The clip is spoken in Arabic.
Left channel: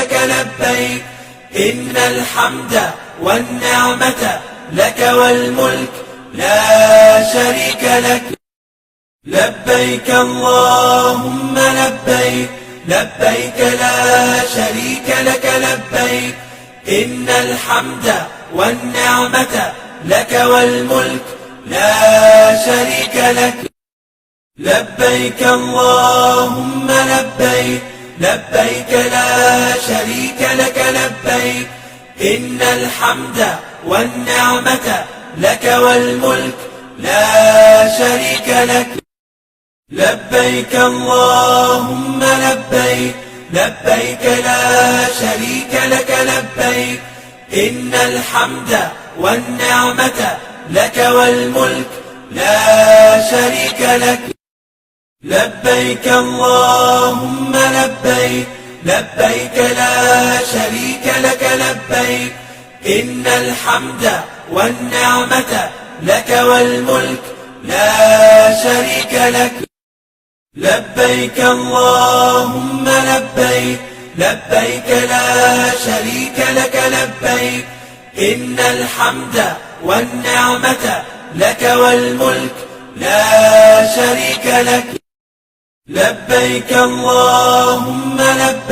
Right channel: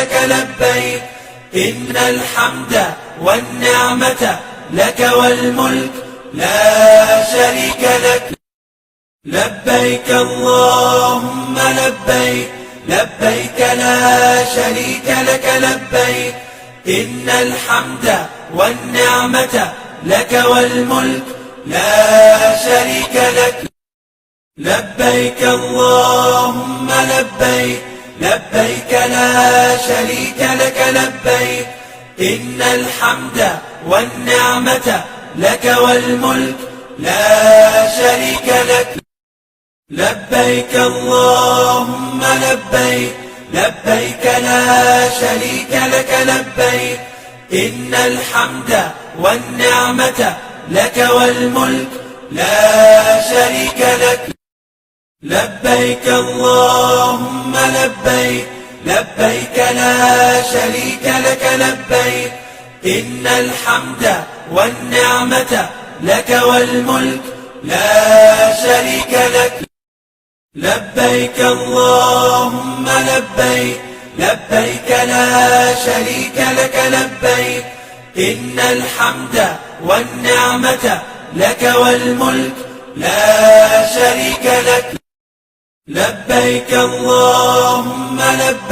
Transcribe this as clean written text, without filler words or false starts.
لك لبيك إن الحمد والنعمة لك والملك لا شريك لك. لبيك اللهم لبيك لبيك لا شريك لك لبيك إن الحمد والنعمة لك والملك لا شريك لك. لبيك اللهم لبيك لبيك لا شريك لك لبيك إن الحمد والنعمة لك والملك لا شريك لك. لبيك اللهم لبيك لبيك لا شريك لك لبيك إن الحمد والنعمة لك والملك لا شريك لك. لبيك اللهم لبيك لبيك لا شريك لك لبيك إن الحمد والنعمة لك والملك لا شريك لك. لبيك اللهم لبيك لبيك لا شريك لك لبيك إن الحمد والنعمة لك والملك لا شريك لك. لبيك اللهم لبيك